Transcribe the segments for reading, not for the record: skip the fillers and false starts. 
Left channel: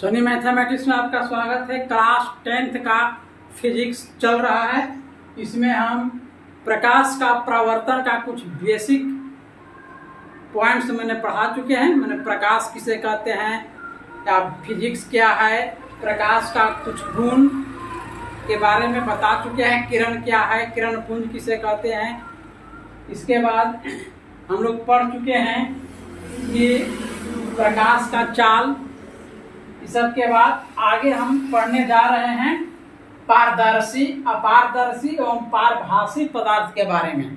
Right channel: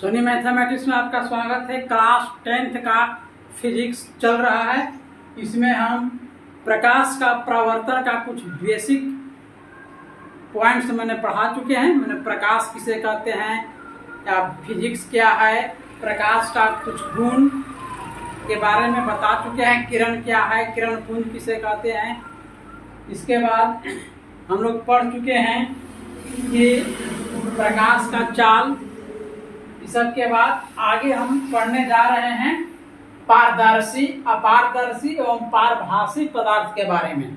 Soni mathematics में आपका स्वागत है। क्लास 10th का फिजिक्स चल रहा है। इसमें हम प्रकाश का परावर्तन का कुछ बेसिक पॉइंट्स मैंने पढ़ा चुके हैं। मैंने प्रकाश किसे कहते हैं या फिजिक्स क्या है, प्रकाश का कुछ गुण के बारे में बता चुके हैं। किरण क्या है, किरण पुंज किसे कहते हैं। इसके बाद हम लोग पढ़ चुके हैं कि प्रकाश का चाल। इस सब के बाद आगे हम पढ़ने जा रहे हैं पारदर्शी, अपारदर्शी एवं पारभासी पदार्थ के बारे में।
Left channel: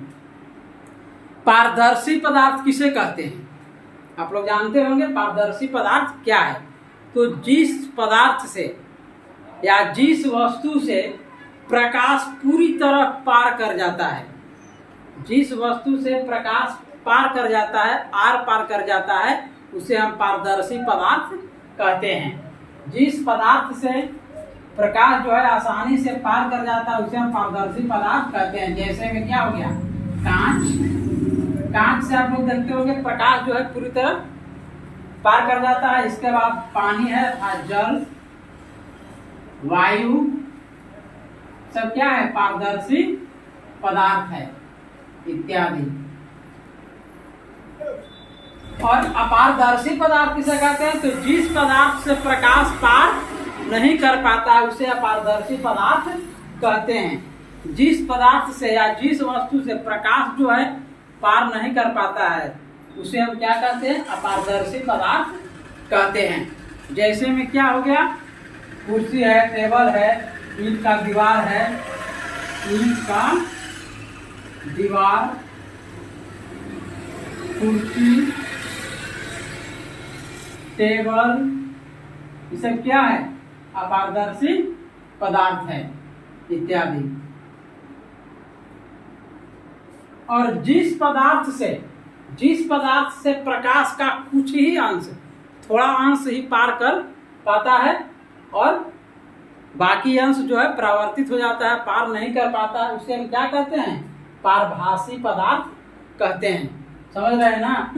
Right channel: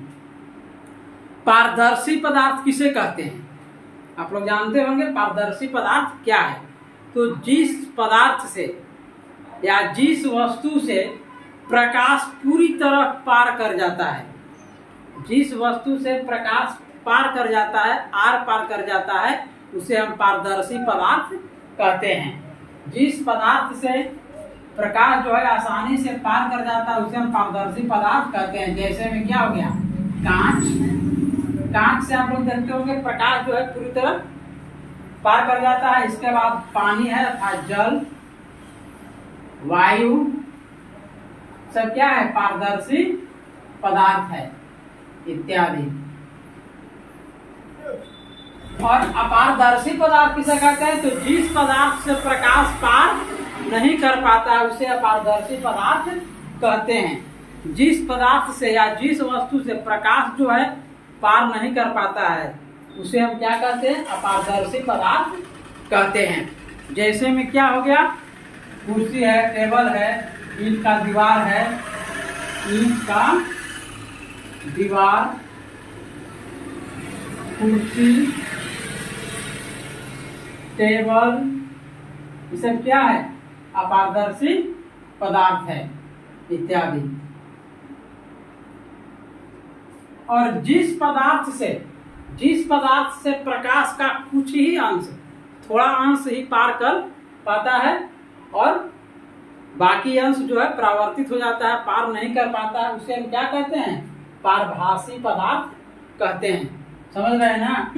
पारदर्शी पदार्थ किसे कहते हैं आप लोग जानते होंगे। पारदर्शी पदार्थ क्या है, तो जिस पदार्थ से या जिस वस्तु से प्रकाश पूरी तरह पार कर जाता है, जिस वस्तु से प्रकाश पार कर जाता है, आर पार कर जाता है, उसे हम पारदर्शी पदार्थ कहते हैं। जिस पदार्थ से प्रकाश जो है आसानी से पार कर जाता है उसे हम पारदर्शी पदार्थ कहते हैं। जैसे में क्या हो गया, कांच। कांच से आप लोग देखते होंगे प्रकाश जो है पूरी तरह पार कर जाता है। इसके बाद पानी है अर्थात जल, वायु, सब क्या है, पारदर्शी पदार्थ है इत्यादि। और अपारदर्शी पदार्थ किसे कहते हैं, तो जिस पदार्थ से प्रकाश पार नहीं कर पाता है उसे अपारदर्शी पदार्थ कहते हैं। जिस पदार्थ से या जिस वस्तु से प्रकाश जो है पार नहीं कर पाता है उसे हम क्या कहते हैं, अपारदर्शी पदार्थ कहते हैं। जैसे में क्या हो गया, कुर्सी है, टेबल है, ईंट का दीवार है, ईंट का दीवार, कुर्सी, टेबल, ये सब क्या है, अपारदर्शी पदार्थ है इत्यादि। और जिस पदार्थ से प्रकाश का कुछ ही अंश, थोड़ा अंश ही पार कर पाता है और बाकी अंश जो है परावर्तित हो जाता है, पार नहीं कर पाता है, उसे हम क्या कहते हैं, पारभासी पदार्थ कहते हैं। समझ रहे हैं ना।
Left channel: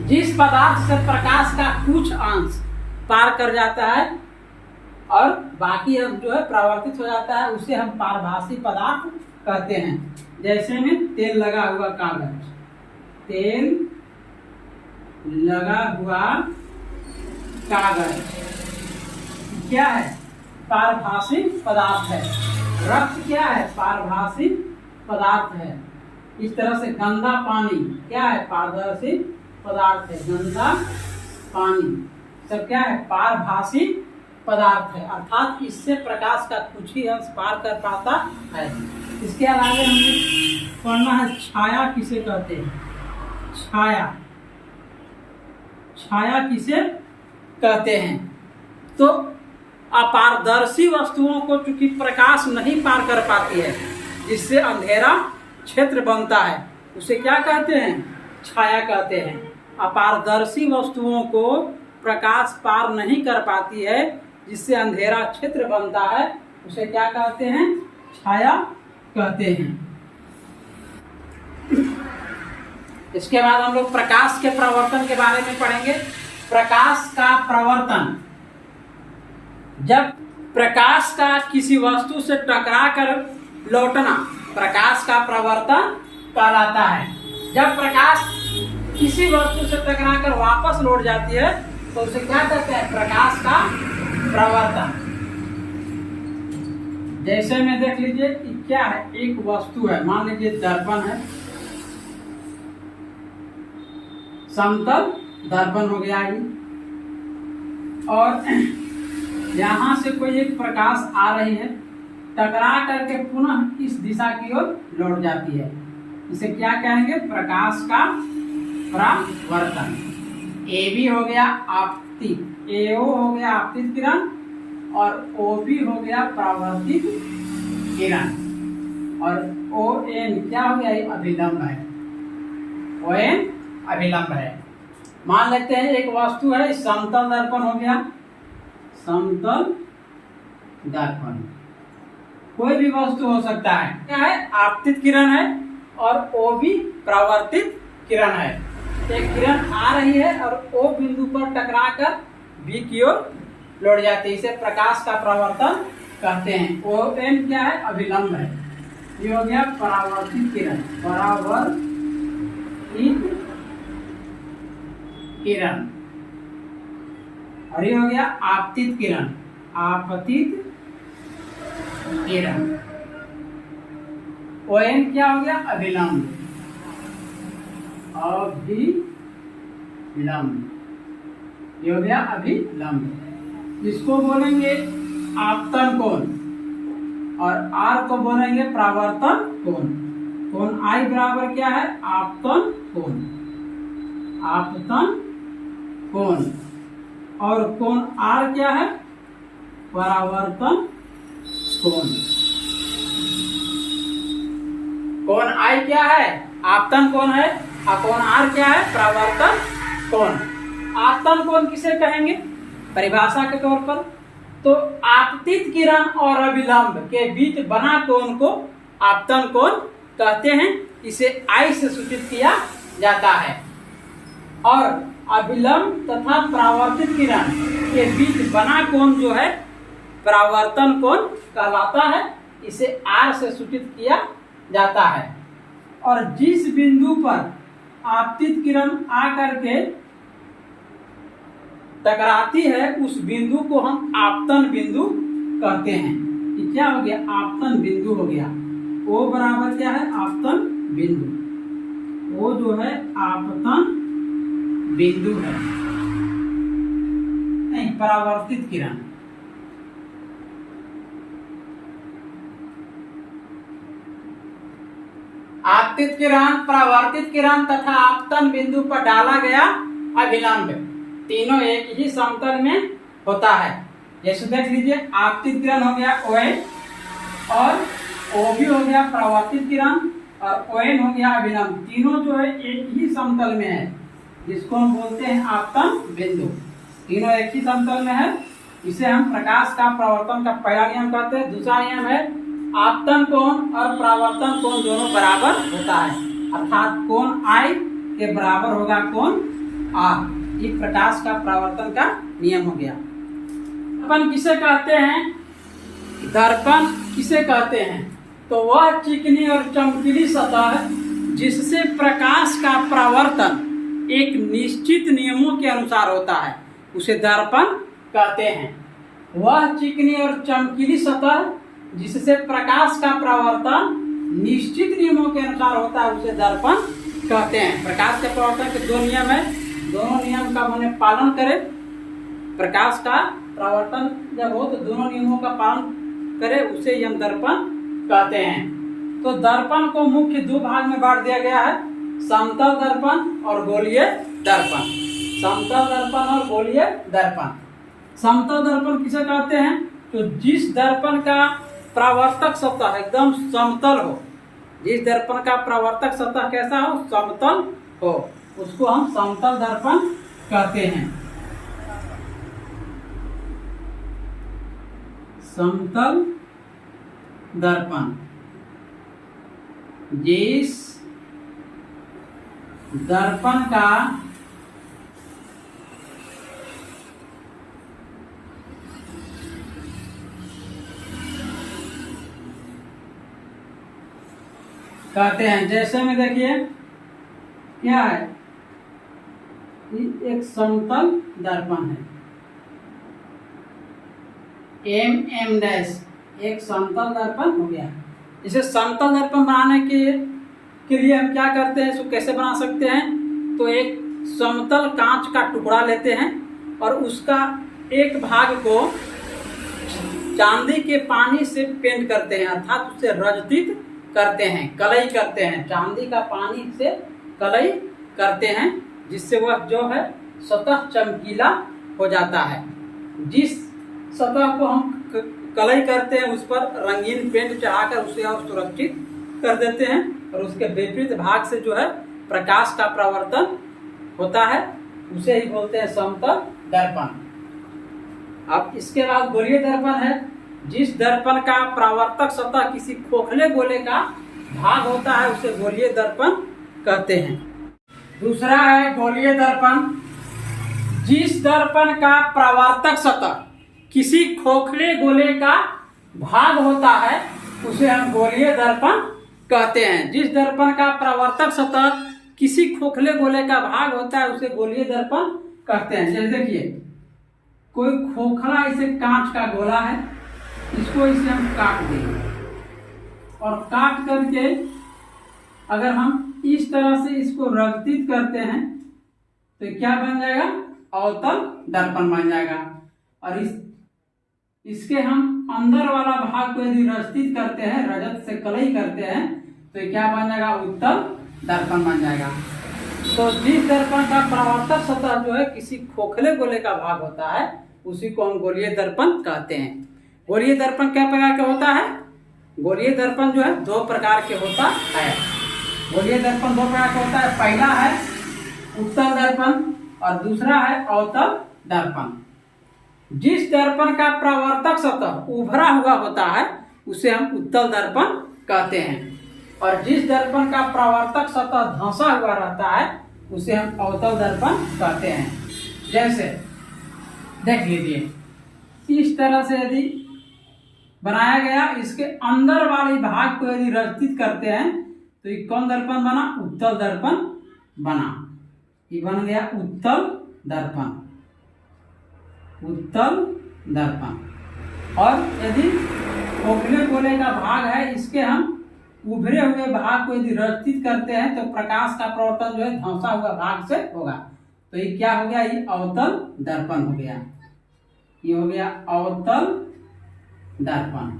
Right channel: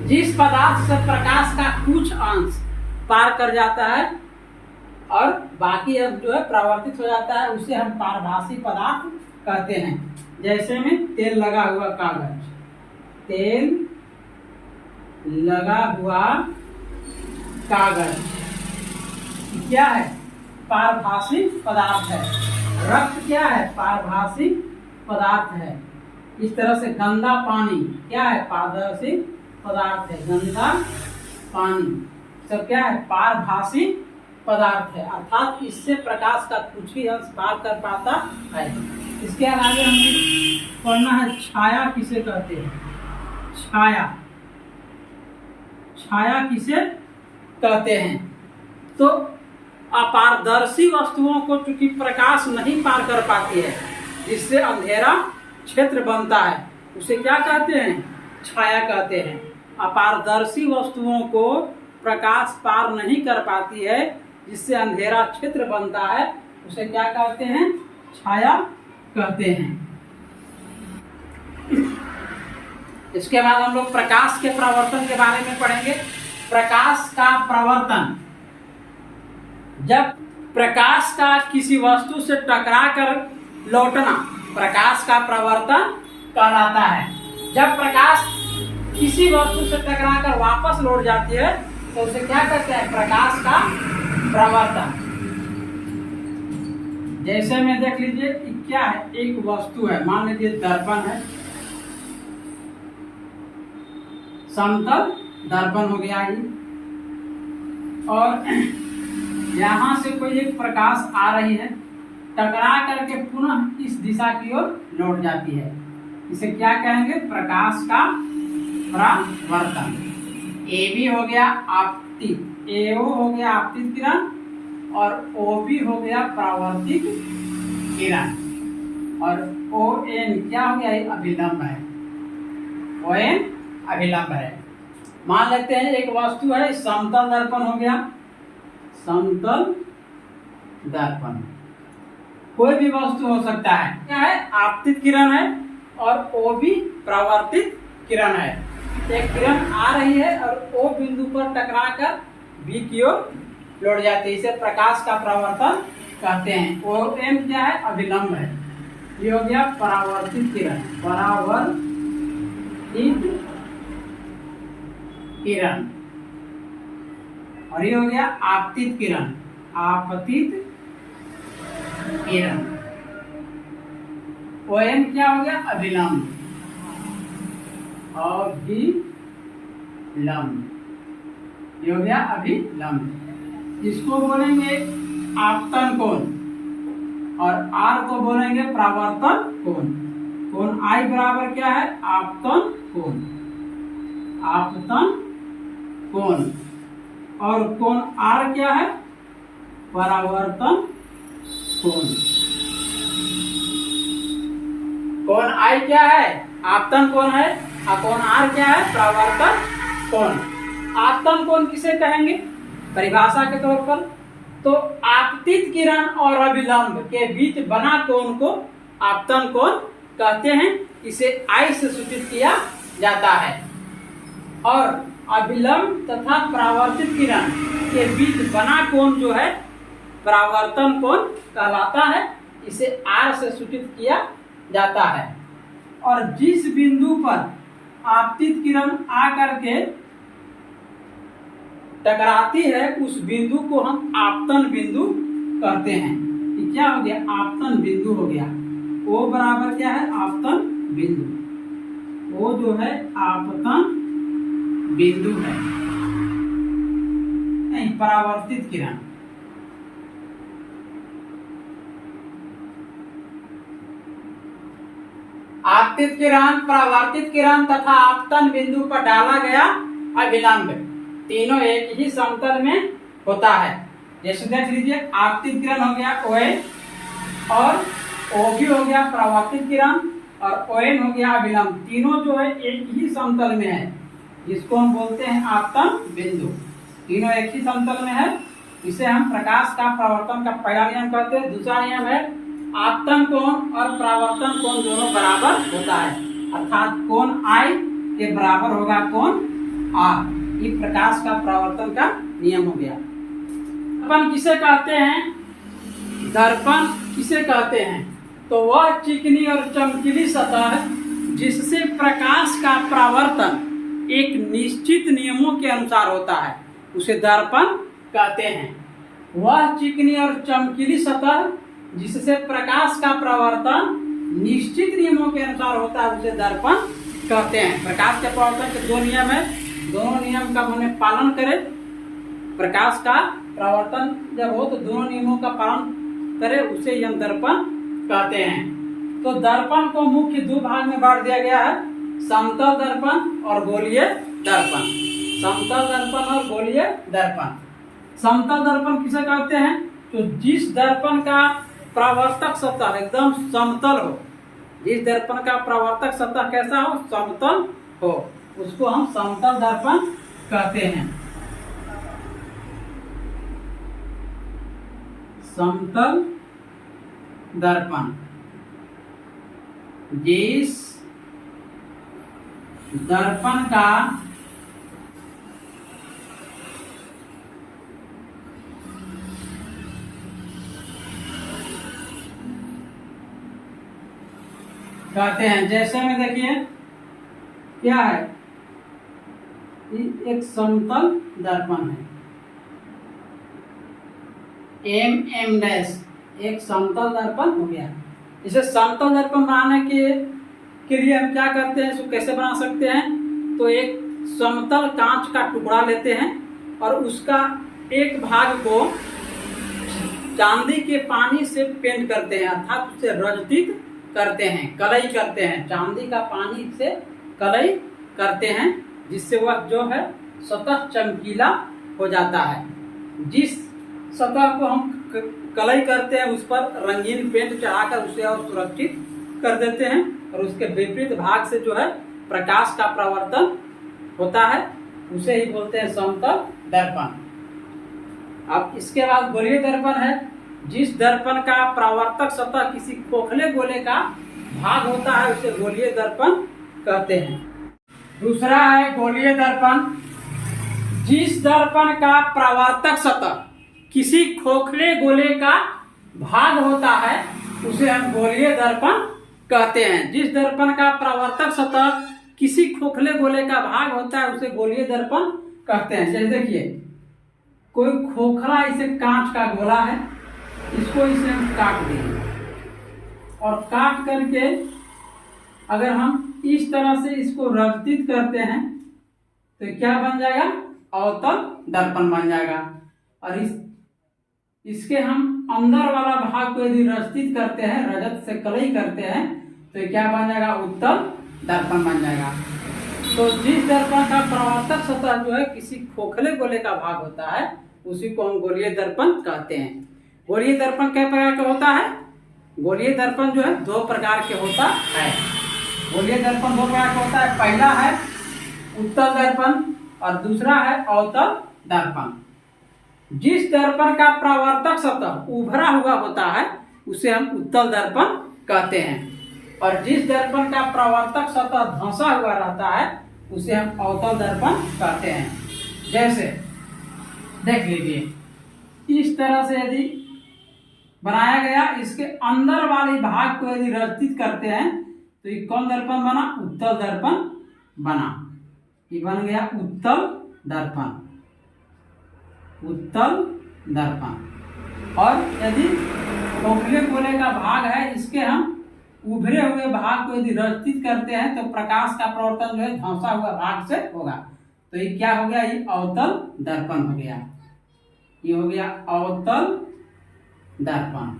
जिस पदार्थ से प्रकाश का कुछ अंश पार कर जाता है और बाकी अंश जो है परावर्तित हो जाता है उसे हम पारभासी पदार्थ कहते हैं। जैसे में तेल लगा हुआ कागज, तेल लगा हुआ कागज क्या है, पारभासी पदार्थ है। रक्त क्या है, पारभासी पदार्थ है। इस तरह से गंदा पानी क्या है, पारदर्शी पदार्थ है। गंदा पानी सब क्या है, पारभासी पदार्थ है, अर्थात इससे प्रकाश का कुछ ही अंश पार कर पाता है। इसके अलावा हमें पढ़ना है छाया किसे कहते हैं। छाया, छाया किसे कहते हैं, तो अपारदर्शी वस्तुओं को चूंकि प्रकाश नहीं पार कर पाती है, जिससे अंधेरा क्षेत्र बनता है, उसे क्या कहते हैं, छाया कहते हैं। अपारदर्शी वस्तुओं को प्रकाश पार नहीं कर पाती है, जिससे अंधेरा क्षेत्र बनता है, उसे क्या कहते हैं, छाया कहते हैं। इसके बाद हम लोग प्रकाश के प्रवर्तन के बारे में पढ़ेंगे। प्रकाश का प्रवर्तन, जब प्रकाश का किसी वस्तु से टकरा कर लौटना प्रकाश का प्रवर्तन कहलाता है। जब प्रकाश किसी वस्तु से टकराकर वापस लौट जाती है तो उसे क्या कहते हैं, प्रकाश का प्रवर्तन। जैसे में देख लीजिए क्या है, एक वस्तु है, मान लीजिए दर्पण है, समतल दर्पण हो गया ही, और यहां से कोई एक प्रकाश आ रही है, टकरा करके पुनः इस दिशा की ओर लौट जाती है, इसे क्या कहेंगे, प्रकाश का प्रवर्तन। ए भी हो गया आपतित, एओ हो गया आपतित किरण और ओ भी हो गया परावर्तित किरण, और ओ एन क्या हो गया, अभिलंब है। ओ एन अभिलंब है। मान लेते हैं एक वस्तु है, समतल दर्पण हो गया, समतल दर्पण, कोई भी वस्तु हो सकता है, क्या है, आपतित किरण है और ओ भी परावर्तित किरण है। एक किरण आ रही है और ओ बिंदु पर टकराकर बी की ओर लौट जाती है। इसे प्रकाश का परावर्तन कहते हैं। OM क्या है? अभिलंब है। ये हो गया परावर्तित किरण, परावर्तित किरण। और ये हो गया आपतित किरण, आपतित किरण। ON क्या हो गया? अभिलंब, अभिलंब। ये हो गया अभिलंब। इसको बोलेंगे आपतन कोण और R को बोलेंगे परावर्तन कोण। कोण I बराबर क्या है? आपतन कोण, आपतन कोण। और कोण R क्या है? परावर्तन कोण। कोण I क्या है? आपतन कोण है। और कोण R क्या है? परावर्तन कोण। आपतन कोण किसे कहेंगे परिभाषा के तौर पर? तो आपतित किरण और अभिलंब के बीच बना कोण को आपतन कोण कहते हैं। इसे I से सूचित किया जाता है। और अभिलंब तथा परावर्तित किरण के बीच बना कोण जो है परावर्तन कोण कहलाता है। इसे R से सूचित किया जाता है। और जिस बिंदु पर आपतित किरण आकर के टकराती है उस बिंदु को हम आपतन बिंदु कहते हैं। ये क्या हो गया? आपतन बिंदु हो गया। O बराबर क्या है? आपतन बिंदु। O जो है आपतन बिंदु है। नहीं, परावर्तित किरण। आपतित किरण, परावर्तित किरण तथा आपतन बिंदु पर डाला गया अभिलंब तीनों एक ही समतल में होता है। जैसे देख लीजिए, आपतित किरण हो गया ON और OB हो गया परावर्तित किरण और ON हो गया अभिलंब। तीनों जो है एक ही समतल में है, जिसको हम बोलते हैं आपतन बिंदु। तीनों एक ही समतल में है। इसे हम प्रकाश का परावर्तन का पहला नियम कहते हैं। दूसरा नियम है आपतन कोण और परावर्तन कोण दोनों बराबर होता है, अर्थात कोण I के बराबर होगा कोण R। ये प्रकाश का परावर्तन का नियम हो गया। दर्पण किसे कहते हैं? दर्पण किसे कहते हैं? तो वह चिकनी और चमकीली सतह जिससे प्रकाश का परावर्तन एक निश्चित नियमों के अनुसार होता है, उसे दर्पण कहते हैं। वह चिकनी और चमकीली सतह जिससे प्रकाश का परावर्तन निश्चित नियमों के अनुसार होता है, उसे दर्पण कहते हैं। प्रकाश के परावर्तन के दो नियम है, दोनों नियम का मैंने पालन करें। प्रकाश का परावर्तन जब हो तो दोनों नियमों का पालन करे, उसे ही हम दर्पण कहते हैं। तो दर्पण को मुख्य दो भाग में बांट दिया गया है, समतल दर्पण और गोलीय दर्पण। समतल दर्पण और गोलीय दर्पण। समतल दर्पण किसे कहते हैं? तो जिस दर्पण का परावर्तक सतह एकदम समतल हो, जिस दर्पण का परावर्तक सतह कैसा हो? समतल हो, उसको हम समतल दर्पण कहते हैं। समतल दर्पण जिस दर्पण का कहते हैं। जैसे में देखिए क्या है, एक समतल दर्पण है, M डैश एक समतल दर्पण हो गया। इसे समतल दर्पण बनाने के लिए हम क्या करते हैं, इसको कैसे बना सकते हैं? तो एक समतल कांच का टुकड़ा लेते हैं और उसका एक भाग को चांदी के पानी से पेंट करते हैं, अर्थात उसे रंजित करते हैं, कलई करते हैं। चांदी का पानी से कलई करते हैं, जिससे वह जो है सतह चमकीला हो जाता है। जिस सतह को हम कलई करते हैं उस पर रंगीन पेंट चढ़ाकर उसे और सुरक्षित कर देते हैं, और उसके विपरीत भाग से जो है प्रकाश का परावर्तन होता है, उसे ही बोलते हैं समतल दर्पण। अब इसके बाद गोलीय दर्पण है। जिस दर्पण का परावर्तक सतह किसी खोखले गोले का भाग होता है, उसे गोलीय दर्पण कहते हैं। दूसरा है गोलीय दर्पण, जिस दर्पण का प्रवर्तक सतह किसी खोखले गोले का भाग होता है उसे हम गोलीय दर्पण कहते हैं। जिस दर्पण का प्रवर्तक सतह किसी खोखले गोले का भाग होता है उसे गोलीय दर्पण कहते हैं। जैसे देखिए, कोई खोखला इसे कांच का गोला है, इसको इसे हम काट देंगे और काट करके अगर हम इस तरह से इसको रगतित करते हैं तो क्या बन जाएगा? अवतल दर्पण बन जाएगा। और इसके हम अंदर वाला भाग को यदि रगतित करते हैं, रजत से कलई करते हैं, तो क्या बन जाएगा? उत्तल दर्पण बन जाएगा। तो जिस दर्पण का प्रवर्तक सतह जो है किसी खोखले गोले का भाग होता है उसी को हम गोलीय दर्पण कहते हैं। गोलीय दर्पण कितने प्रकार का होता है? गोलीय दर्पण जो है 2 प्रकार के होता है। गोलीय दर्पण 2 प्रकार का होता है। पहला है उत्तल दर्पण और दूसरा है अवतल दर्पण। जिस दर्पण का प्रवर्तक सतह उभरा हुआ होता है उसे हम उत्तल दर्पण कहते हैं और जिस दर्पण का प्रवर्तक सतह धंसा हुआ रहता है उसे हम अवतल दर्पण कहते हैं। जैसे देख लीजिए, इस तरह से यदि बनाया गया, इसके अंदर वाले भाग को यदि रचित करते हैं तो ये कौन दर्पण बना? उत्तल दर्पण बना। ये बन गया उत्तल दर्पण, उत्तल दर्पण। और यदि खोखले गोले का भाग है, इसके हम उभरे हुए भाग को यदि रचित करते हैं तो प्रकाश का प्रवर्तन जो है धंसा हुआ भाग से होगा। तो ये क्या हो गया? ये अवतल दर्पण हो गया। ये हो गया अवतल दर्पण।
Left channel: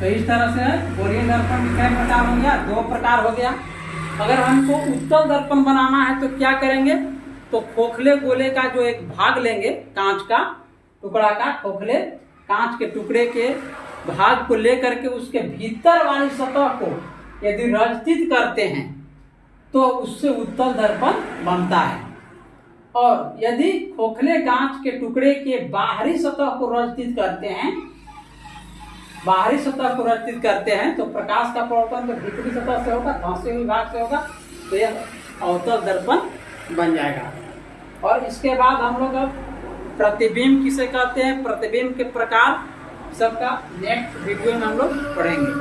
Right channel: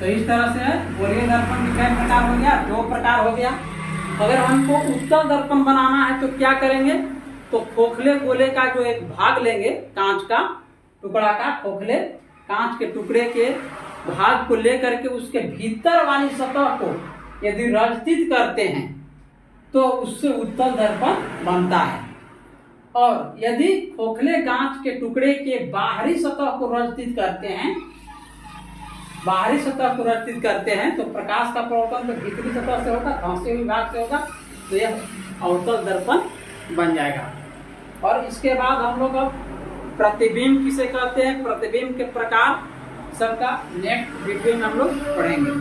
तो इस तरह से गोलीय दर्पण के कितने प्रकार हो गया? 2 प्रकार हो गया। अगर हमको उत्तल दर्पण बनाना है तो क्या करेंगे? तो खोखले गोले का जो एक भाग लेंगे, कांच का टुकड़ा का, खोखले कांच के टुकड़े के भाग को लेकर के उसके भीतर वाली सतह को यदि रचित करते हैं तो उससे उत्तल दर्पण बनता है। और यदि खोखले कांच के टुकड़े के बाहरी सतह को रचित करते हैं, बाहरी सतह को रचित करते हैं तो प्रकाश का प्रवर्तन तो भीतरी सतह से होगा, धंसे हुए भाग से होगा, तो यह अवतल दर्पण बन जाएगा। और इसके बाद हम लोग अब प्रतिबिंब किसे कहते हैं, प्रतिबिंब के प्रकार सबका नेक्स्ट वीडियो में हम लोग पढ़ेंगे।